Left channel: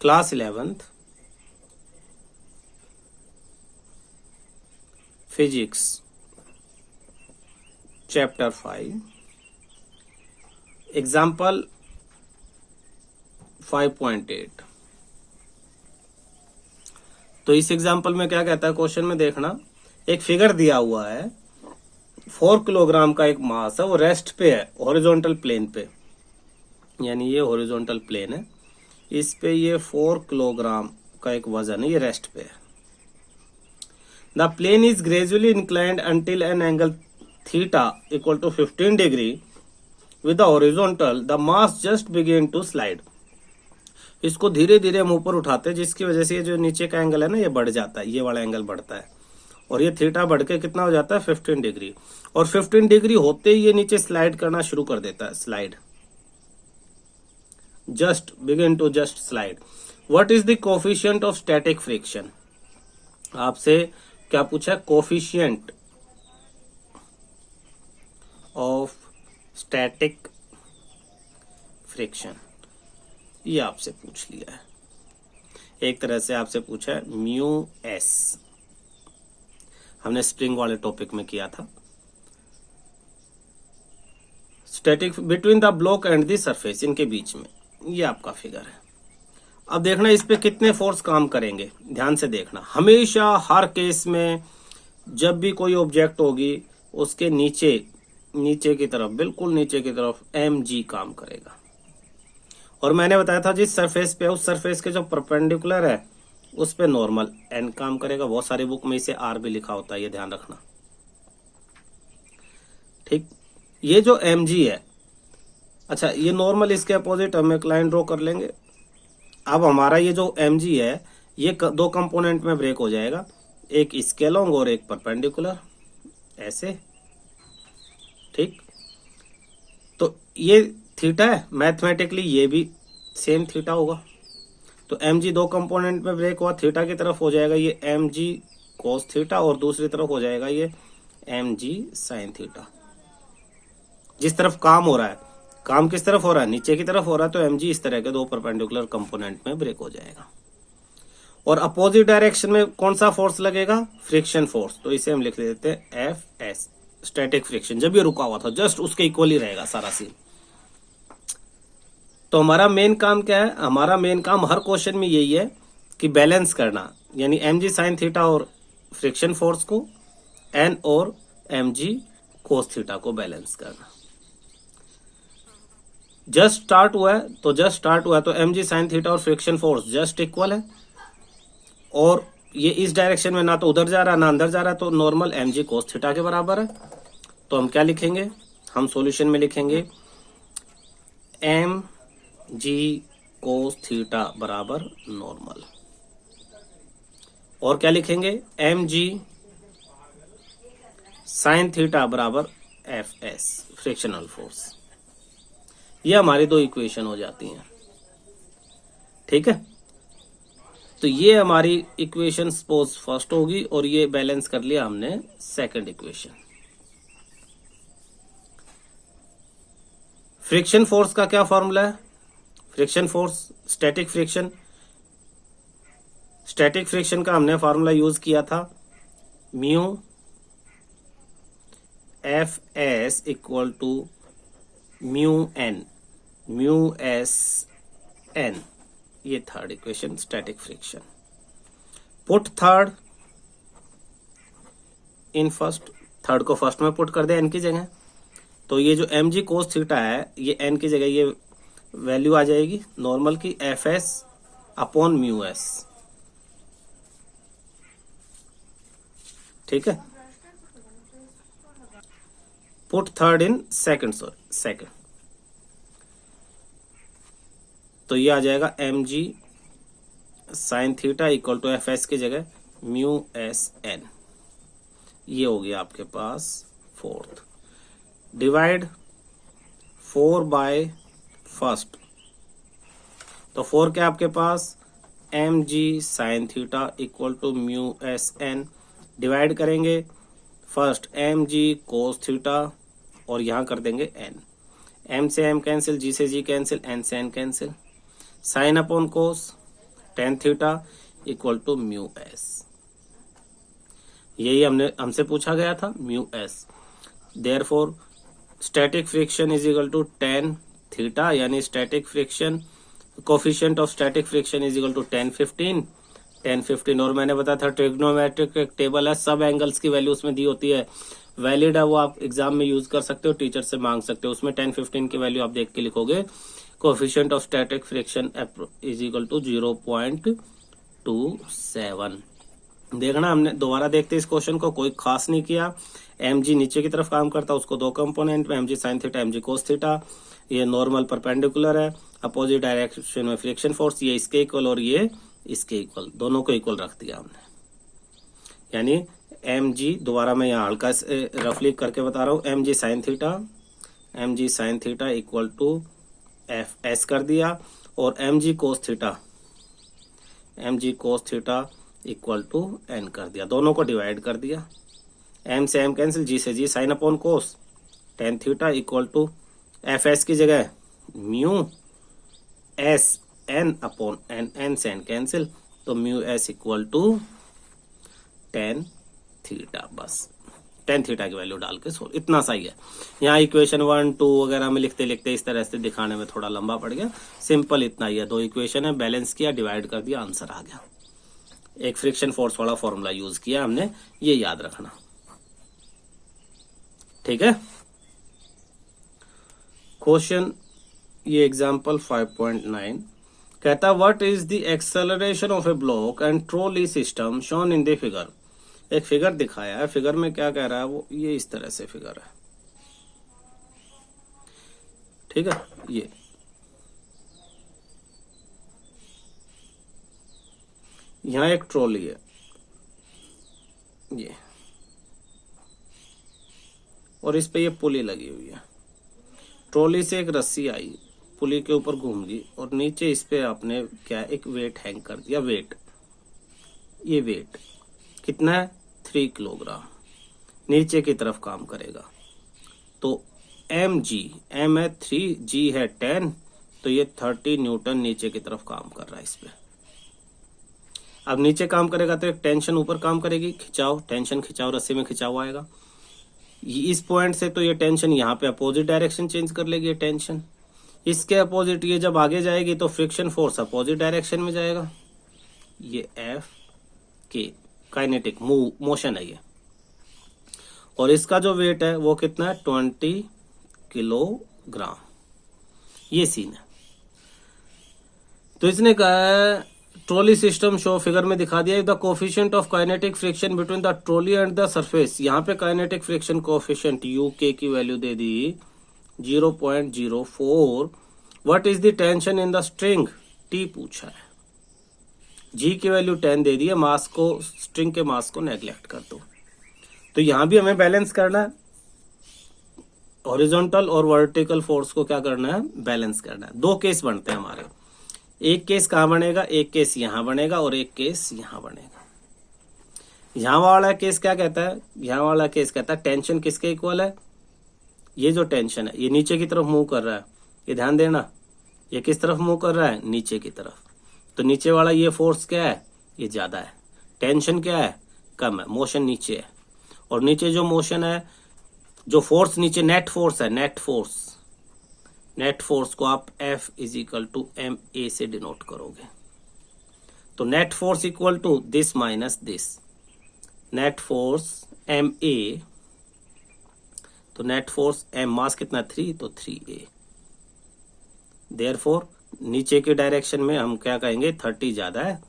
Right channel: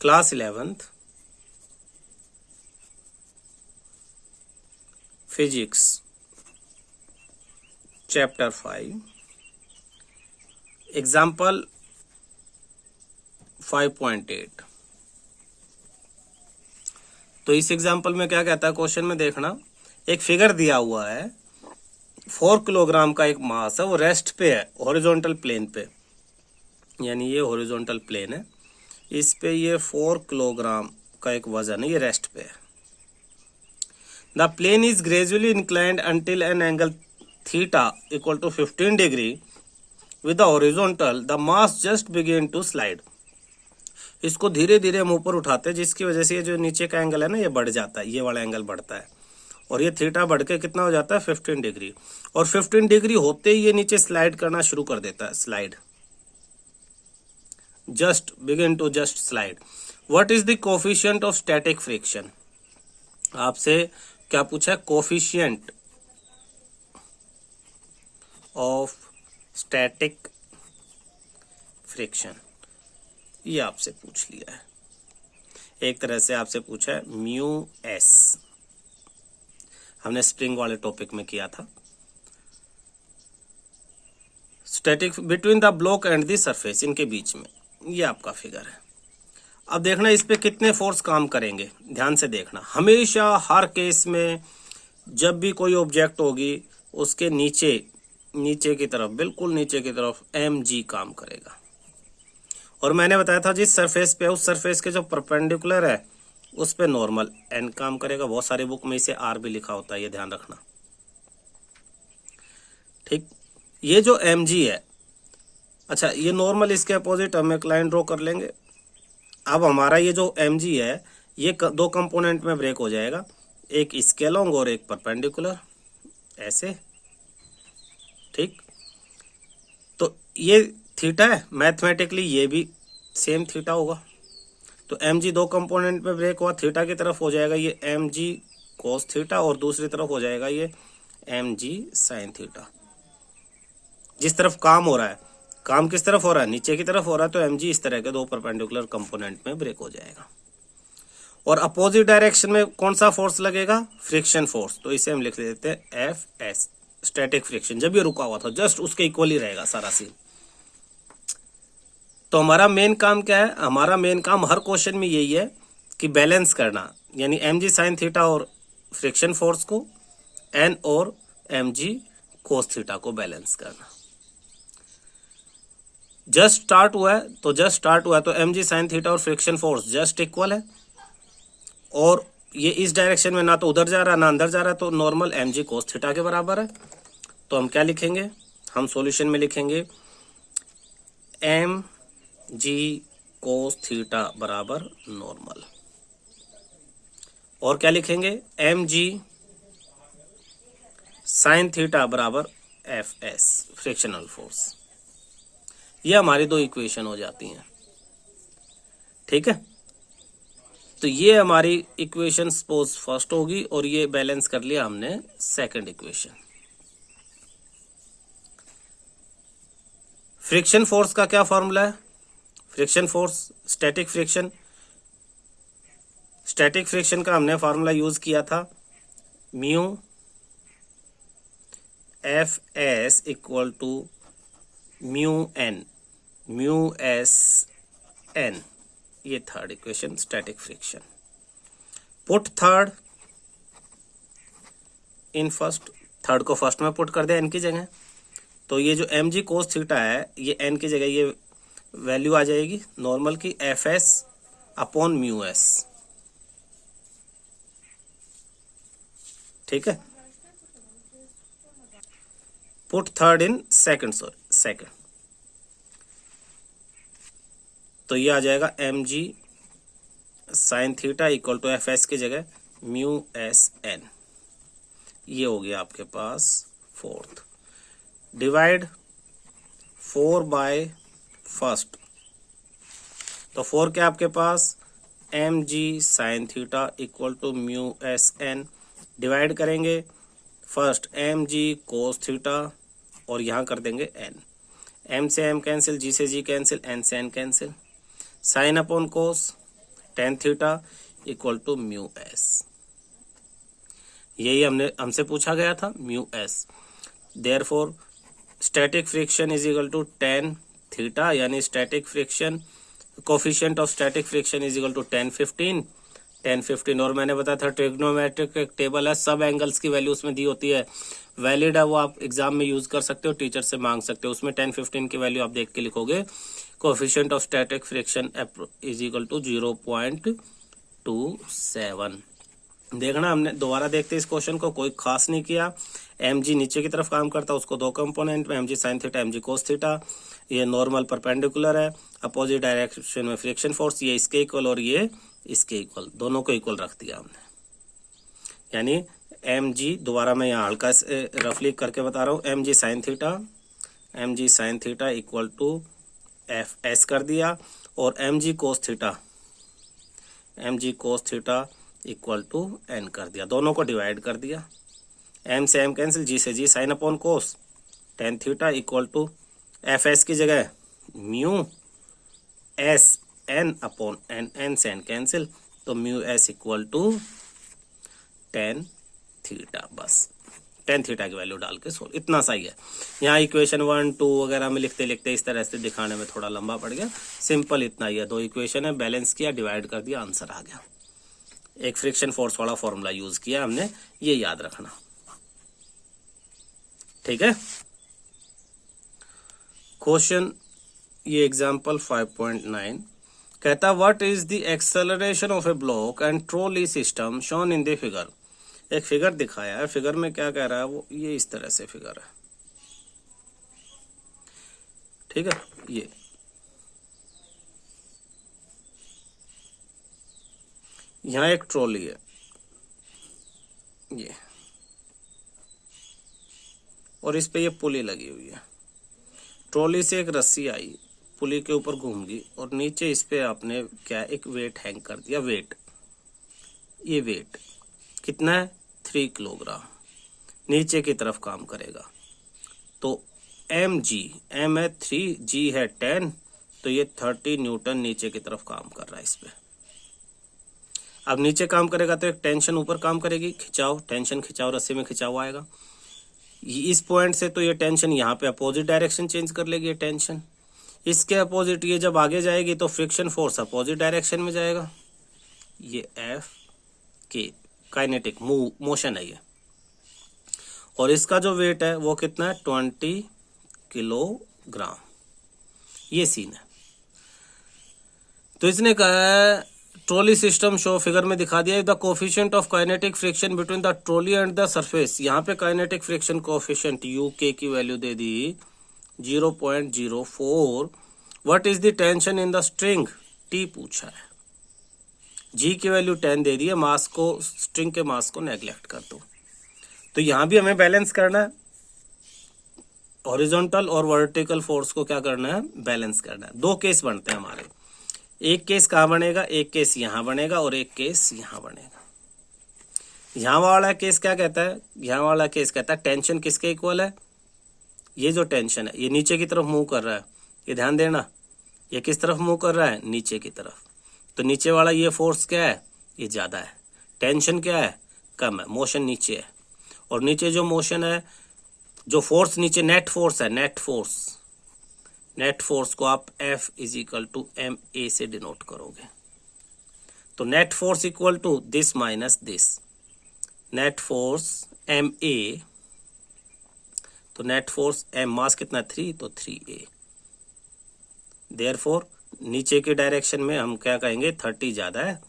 Class 11th physics chapter 5 example 5.8। तो इस example में क्या कहता है, क्वेश्चन में देखना, एक फिगर दिया हुआ है, 4 किलोग्राम का एक मास है, वो रेस्ट पे है, हॉरिजॉन्टल प्लेन पे, यानी ये हॉरिजॉन्टल प्लेन है, इस पे ये 4 किलोग्राम का एक वजन है, ये रेस्ट पे है। The plane is gradually inclined until an angle theta equal to 15 degree with the horizontal, the mass just begin to slide. इसको धीरे धीरे हम ऊपर उठाते हैं, जिसकी वजह से ये जो नीचे का एंगल है ना, ये बढ़ जाता है, ये वाला एंगल बढ़ता है, और ये थीटा बढ़ के कितना हो जाता है 15 डिग्री, और 15 डिग्री होते ही ये नीचे स्लाइड करना शुरू कर देता है, slide, just begin to just slide. What is the coefficient of static friction? आपसे क्या पूछा है, कोफिशिएंट ऑफ स्टैटिक फ्रिक्शन, ये आपसे पूछ लिया है। एक तरह से आपसे पूछा है म्यू एस, हमने स्प्रिंग वाले टॉपिक में किया था। Static between the block and the surface, इनके बीच में, ये आपका फिगर है। अब देखना इस पे कितने फोर्स काम करेंगे, ध्यान से देखना। हमेशा हर केस में जब भी कोई ऑब्जेक्ट होगी, उसके नीचे की तरफ, बिल्कुल नीचे की तरफ mg काम करेगा। और मैंने बताया था जिस सरफेस पे है, उस सरफेस के जो परपेंडिकुलर है उस पे नॉर्मल n काम करेगा। बहुत सारी बुक में इसे r भी लिखा होता है, ये ध्यान रखना, ठीक। ये जो mg है, अच्छा, ये नॉर्मल, इसके अपोजिट हम एक लाइन ड्रॉ कर लेंगे। अब हमारा ये जो mg है, ये दो कंपोनेंट में ब्रेक हो जाएगा, एक इसके अलोंग और एक परपेंडिकुलर, ऐसे, ठीक। तो ये थीटा है, मैथमेटिकली ये भी सेम थीटा होगा। तो mg दो कंपोनेंट में ब्रेक हुआ, थीटा की तरफ हो जाएगा ये mg cos थीटा, और दूसरी तरफ हो जाएगा ये mg sin थीटा। जिस तरफ काम हो रहा है, काम किस तरफ हो रहा है, नीचे की तरफ हो रहा है, तो mg इस तरह के दो परपेंडिकुलर कंपोनेंट में ब्रेक हो जाएगा। और अपोजिट डायरेक्शन में कौन सा फोर्स लगेगा, फ्रिक्शन फोर्स, तो इसे हम लिख देते हैं Fs, स्टैटिक फ्रिक्शन। जब ये रुका हुआ था, जस्ट उसके इक्वल ही रहेगा सारा सीन। तो हमारा मेन काम क्या है, हमारा मेन काम हर क्वेश्चन में यही है कि बैलेंस करना, यानी mg sin थीटा और फ्रिक्शन फोर्स को, n और mg cos थीटा को बैलेंस करना। जस्ट स्टार्ट हुआ है तो mg sin थीटा और फ्रिक्शन फोर्स जस्ट इक्वल है, और ये इस डायरेक्शन में ना तो उधर जा रहा ना अंदर जा रहा, तो नॉर्मल mg cos थीटा के बराबर है। तो हम क्या लिखेंगे, हम सॉल्यूशन में लिखेंगे mg cos थीटा बराबर नॉर्मल, और क्या लिखेंगे mg sin थीटा बराबर Fs, फ्रिक्शनल फोर्स। ये हमारी दो इक्वेशन हो जाती हैं, ठीक है। तो ये हमारी इक्वेशन सपोज फर्स्ट होगी, और ये बैलेंस कर लिया हमने सेकंड इक्वेशन। फ्रिक्शन फोर्स का क्या फॉर्मूला है, फ्रिक्शन फोर्स, स्टैटिक फ्रिक्शन का हमने फॉर्मूला यूज किया था, mu Fs equal to mu S N, ये third equation, static friction. Put third in first, third को फर्स्ट में पुट कर दे n की जगह, तो ये जो mg cos थीटा है, ये n की जगह ये वैल्यू आ जाएगी नॉर्मल की, Fs अपॉन म्यू एस, ठीक है। पुट थर्ड इन सेकंड, तो ये आ जाएगा mg sin theta equal to Fs की जगह म्यू एस एन, ये हो गया आपके पास फोर्थ। डिवाइड 4 बाय फर्स्ट, तो 4 क्या आपके पास mg sin theta equal to mu S N, divide करेंगे फर्स्ट mg cos थीटा, और यहाँ कर देंगे n, m से m कैंसिल, g से g कैंसिल, n से n cancel, sine upon cos tan theta equal to mu S. यही हमसे पूछा गया था, mu S. Therefore static friction is equal to tan theta, यानी static friction coefficient of static friction is equal to 10 15 और मैंने बताया था ट्रिग्नोमेट्रिक एक टेबल है, सब एंगल्स की वैल्यू उसमें दी होती है, वैलिड है, वो आप एग्जाम में यूज कर सकते हो, टीचर से मांग सकते हो। उसमें 10 15 की वैल्यू आप देख के लिखोगे। Coefficient of static friction is equal to 0.27। देखना, हमने दोबारा देखते इस क्वेश्चन को, कोई खास नहीं किया। mg नीचे की तरफ काम करता है, उसको दो कंपोनेंट में, mg sin theta mg cos theta. ये नॉर्मल परपेंडिकुलर है, अपोजिट डायरेक्शन में फ्रिक्शन फोर्स, ये इसके इक्वल और ये इसके इक्वल, दोनों को इक्वल रख दिया हमने। यानी mg, दोबारा मैं यहाँ हल्का रफली करके बता रहा हूँ, mg sin theta equal to F S कर दिया, और mg cos theta equal to N कर दिया, दोनों को डिवाइड कर दिया। m से m कैंसिल, g से g, sine upon cos tan theta equal to F S की जगह mu S N upon N, N से एन कैंसिल, तो mu S equal to tan theta. बस टेन थीटा की वैल्यू डाल के इतना सही है। यहाँ इक्वेशन 1 2 वगैरह में लिखते लिखते इस तरह से दिखाने में थोड़ा लंबा पड़ गया, सिंपल इतना ही है। दो इक्वेशन है, बैलेंस किया, डिवाइड कर दिया, आंसर आ गया। एक फ्रिक्शन फोर्स वाला फॉर्मूला यूज किया हमने, ये याद रखना, ठीक है। क्वेश्चन, ये एग्जांपल 5.9 कहता, what is the acceleration of A block and trolley system shown in the figure. एक फिगर दिखाया है, फिगर में क्या कह रहा है वो, ये इस तरह से फिगर है, ठीक है। ये यहां एक ट्रॉली है, ये, और इस पे ये पुली लगी हुई है। ट्रॉली से एक रस्सी आई, पुली के ऊपर घूम गई, और नीचे इस पे आपने क्या एक वेट हैंग कर दिया। वेट, ये वेट कितना है, 3 किलोग्राम, नीचे की तरफ काम करेगा। तो mg, m है 3, g है 10, तो ये 30 न्यूटन नीचे की तरफ काम कर रहा है इस पे। अब नीचे काम करेगा तो एक टेंशन ऊपर काम करेगी, खिंचाव, टेंशन खिंचाव, रस्सी में खिंचाव आएगा। इस पॉइंट से तो ये टेंशन यहाँ पे अपोजिट डायरेक्शन चेंज कर लेगी, ये टेंशन इसके अपोजिट, ये जब आगे जाएगी तो फ्रिक्शन फोर्स अपोजिट डायरेक्शन में जाएगा। ये एफ के काइनेटिक मोशन है ये, और इसका जो वेट है वो कितना है, 20 किलोग्राम। ये सीन है। तो इसने कहा है ट्रॉली सिस्टम शो, फिगर में दिखा दिया, the coefficient of kinetic friction between the trolley and the surface. यहाँ पे काइनेटिक फ्रिक्शन कोफिशिएंट यू के की value they the 0.04। What is the tension in the string, T पूछा है। जी की वैल्यू 10 दे दी है, मास को, स्ट्रिंग के मास को नेग्लेक्ट कर दो। तो यहां भी हमें बैलेंस करना है, हॉरिजॉन्टल और वर्टिकल फोर्स को क्या करना है, बैलेंस करना है। दो केस बनते हैं हमारे, एक केस कहां बनेगा, एक केस यहां बनेगा और एक केस यहां बनेगा। यहां वाला केस क्या कहता है, यहां वाला केस कहता है टेंशन किसके इक्वल है, ये जो टेंशन है ये नीचे की तरफ मूव कर रहा है, ये ध्यान देना, ये किस तरफ मूव कर रहा है, नीचे की तरफ। तो नीचे वाला ये फोर्स क्या है, ये ज्यादा है, टेंशन क्या है, कम है, मोशन नीचे है। और नीचे जो मोशन है, जो फोर्स नीचे नेट फोर्स है, नेट फोर्स को आप F is equal to M A से डिनोट करोगे। तो net force equal to this minus this, net force M A, तो नेट फोर्स एम, मास कितना 3, तो 3a। देयरफॉर नीचे के डायरेक्शन में हम क्या कहेंगे, 30 ज्यादा है,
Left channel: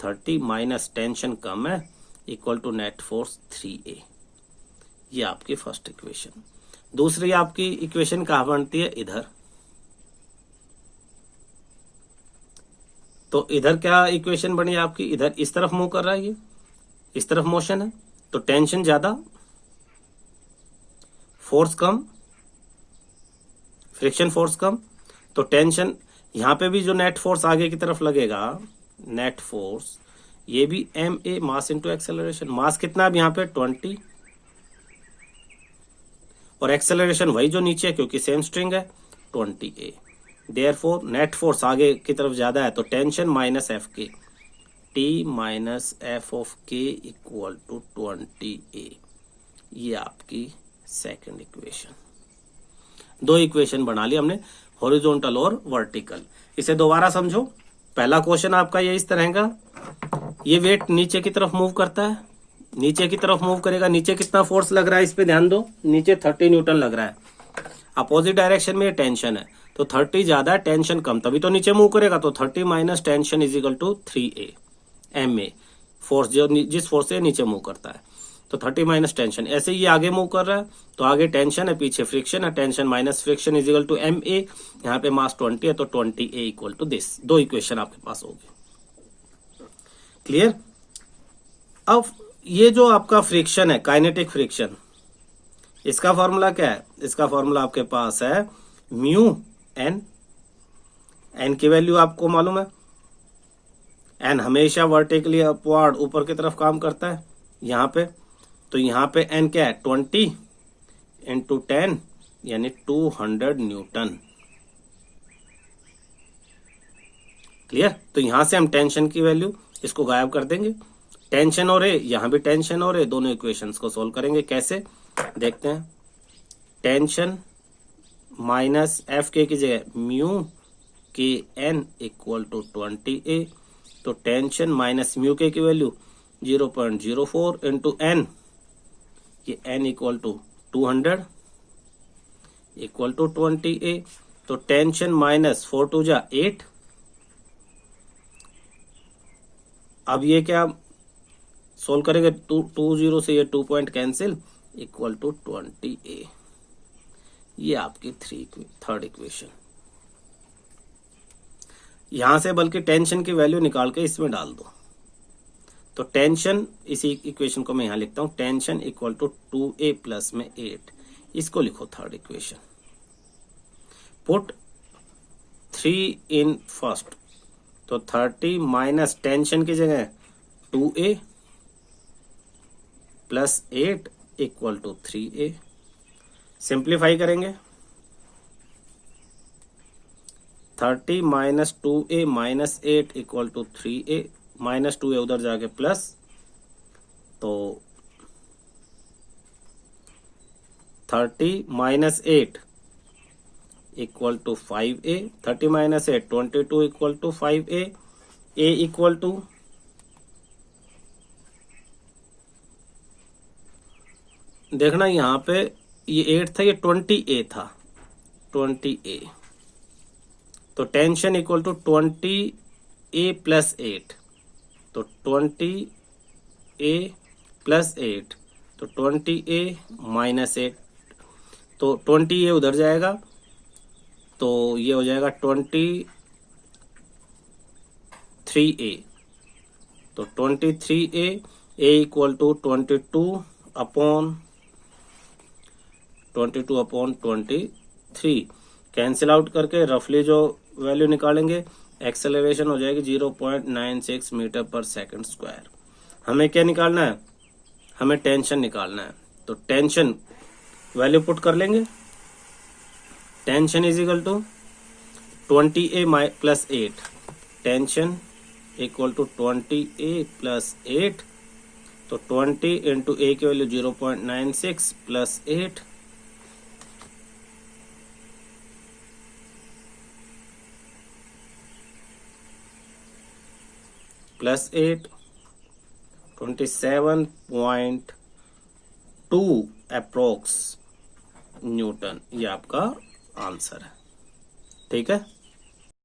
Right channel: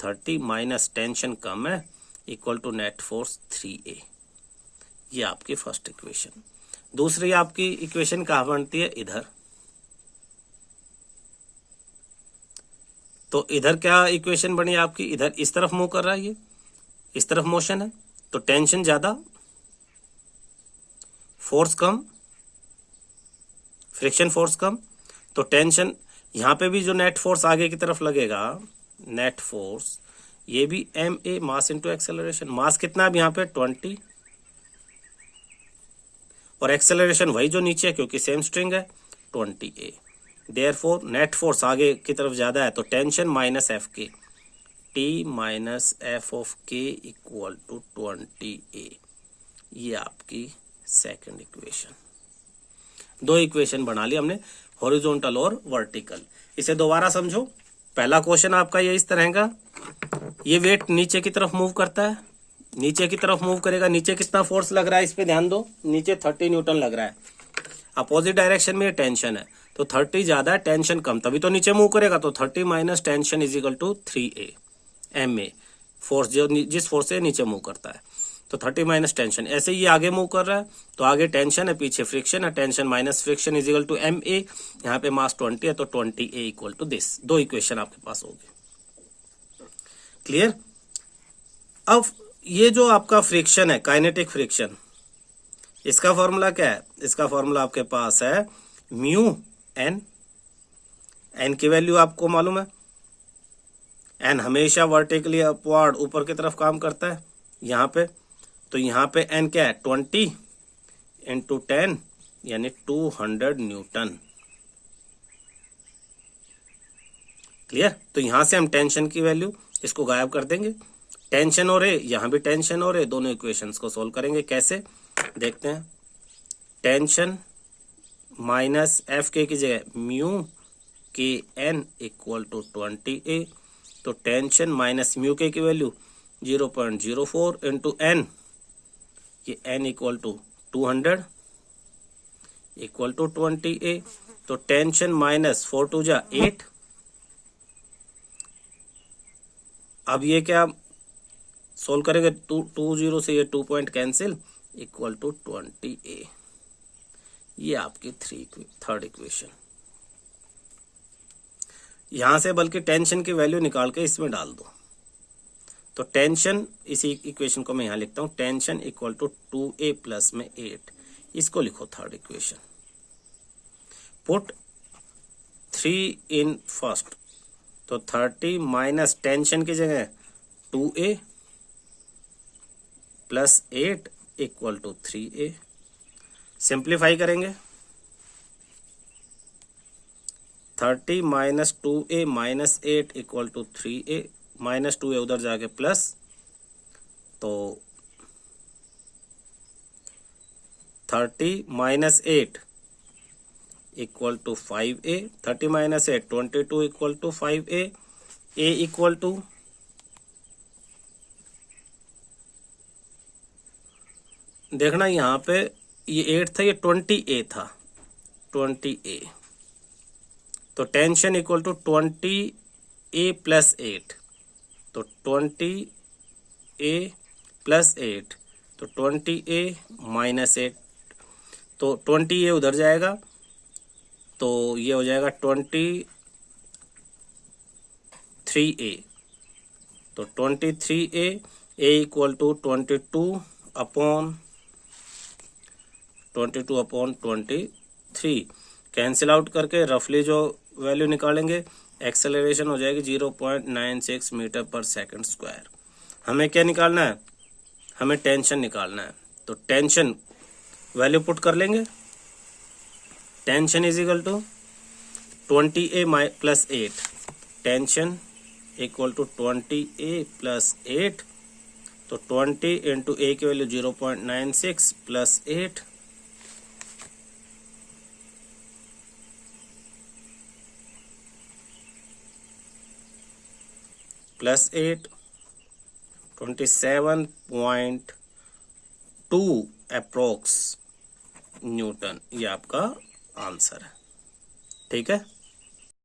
30 माइनस टेंशन कम है, equal to net force 3a। ये आपकी फर्स्ट इक्वेशन। दूसरी आपकी इक्वेशन कहाँ बनती है, इधर। तो इधर क्या इक्वेशन बनी आपकी, इधर इस तरफ मूव कर रहा है, ये इस तरफ मोशन है, तो टेंशन ज्यादा, फोर्स कम, फ्रिक्शन फोर्स कम। तो टेंशन, यहां पे भी जो नेट फोर्स आगे की तरफ लगेगा, नेट फोर्स, ये भी M A, mass into acceleration. Mass कितना है यहाँ पे 20, और एक्सेलरेशन वही जो नीचे है क्योंकि सेम स्ट्रिंग है, 20a। देयरफॉर नेट फोर्स आगे की तरफ ज्यादा है तो टेंशन माइनस एफ के, टी माइनस एफ ऑफ के इक्वल टू 20A। ये आपकी सेकंड इक्वेशन। दो इक्वेशन बना ली हमने, हॉरिजॉन्टल और वर्टिकल। इसे दोबारा समझो। पहला क्वेश्चन आपका ये इस तरह का, ये वेट नीचे की तरफ मूव करता है, नीचे की तरफ मूव करेगा। नीचे कितना फोर्स लग रहा है इस पे ध्यान दो, नीचे 30 न्यूटन लग रहा है। अपोजिट डायरेक्शन में ये टेंशन है तो 30 ज्यादा है, टेंशन कम, तभी तो नीचे मूव करेगा। तो 30 minus tension is equal to 3A MA, force जो जिस फोर्स से नीचे मूव करता है। तो 30 माइनस टेंशन, ऐसे ही आगे मूव कर रहा है तो आगे टेंशन है, पीछे फ्रिक्शन है, tension minus friction is equal to MA। यहाँ पे मास 20 है तो 20A इक्वल टू दिस। दो इक्वेशन आपके पास होगी। क्लियर। अब ये जो आपका फ्रिक्शन है, काइनेटिक फ्रिक्शन, इसका फॉर्मूला क्या है? इसका फॉर्मूला आपके पास है म्यू एन। एन की वैल्यू आपको मालूम है, एन हमेशा वर्टिकली अपवर्ड ऊपर की तरफ काम करता है यहाँ पे। तो यहाँ पे एन क्या है? 20 इंटू 10 यानी 200 न्यूटन। क्लियर। तो यहां से हम टेंशन की वैल्यू इसको गायब कर देंगे। टेंशन और ए, यहां भी टेंशन और ए, दोनों इक्वेशंस को सोल्व करेंगे। कैसे देखते हैं। टेंशन माइनस एफ के की जगह म्यू के एन इक्वल टू 20A। तो टेंशन माइनस म्यू के की वैल्यू 0.04 इंटू एन, ये N equal to 200 equal to 20A। तो टेंशन माइनस 4 2 जा 8। अब ये क्या सोल्व करेंगे, 2 से ये 2 point cancel, equal to 20A। ये आपकी थर्ड इक्वेशन। यहां से बल्कि टेंशन की वैल्यू निकाल के इसमें डाल दो। तो टेंशन, इसी इक्वेशन को मैं यहां लिखता हूं, tension equal to 2A plus में 8। इसको लिखो third equation. Put 3 in first. तो 30 माइनस टेंशन की जगह 2A plus 8 equal to 3A। Simplify करेंगे। 30 minus 2A minus 8 equal to 3A। Minus 2A उधर जाके प्लस, तो 30 minus 8 equal to 5A। 30 minus 8 22 equal to 5A। A equal to, देखना यहाँ पे ये 8 था, ये 20A था, 20A। तो tension equal to 20A plus 8। तो 20A प्लस 8, तो 20A माइनस 8। तो 20A उधर जाएगा तो ये हो जाएगा 23A। तो 23A, A equal to 22 upon 23। Cancel out करके रफली जो वैल्यू निकालेंगे, एक्सेलरेशन हो जाएगी 0.96 मीटर पर सेकंड स्क्वायर। हमें क्या निकालना है? हमें टेंशन निकालना है। तो टेंशन वैल्यू पुट कर लेंगे। Tension is equal to 20A plus 8। Tension equal to 20A plus 8। तो 20 इंटू A की value 0.96 plus 8, plus 8, 27.2 approx newton. ये आपका आंसर है। ठीक है।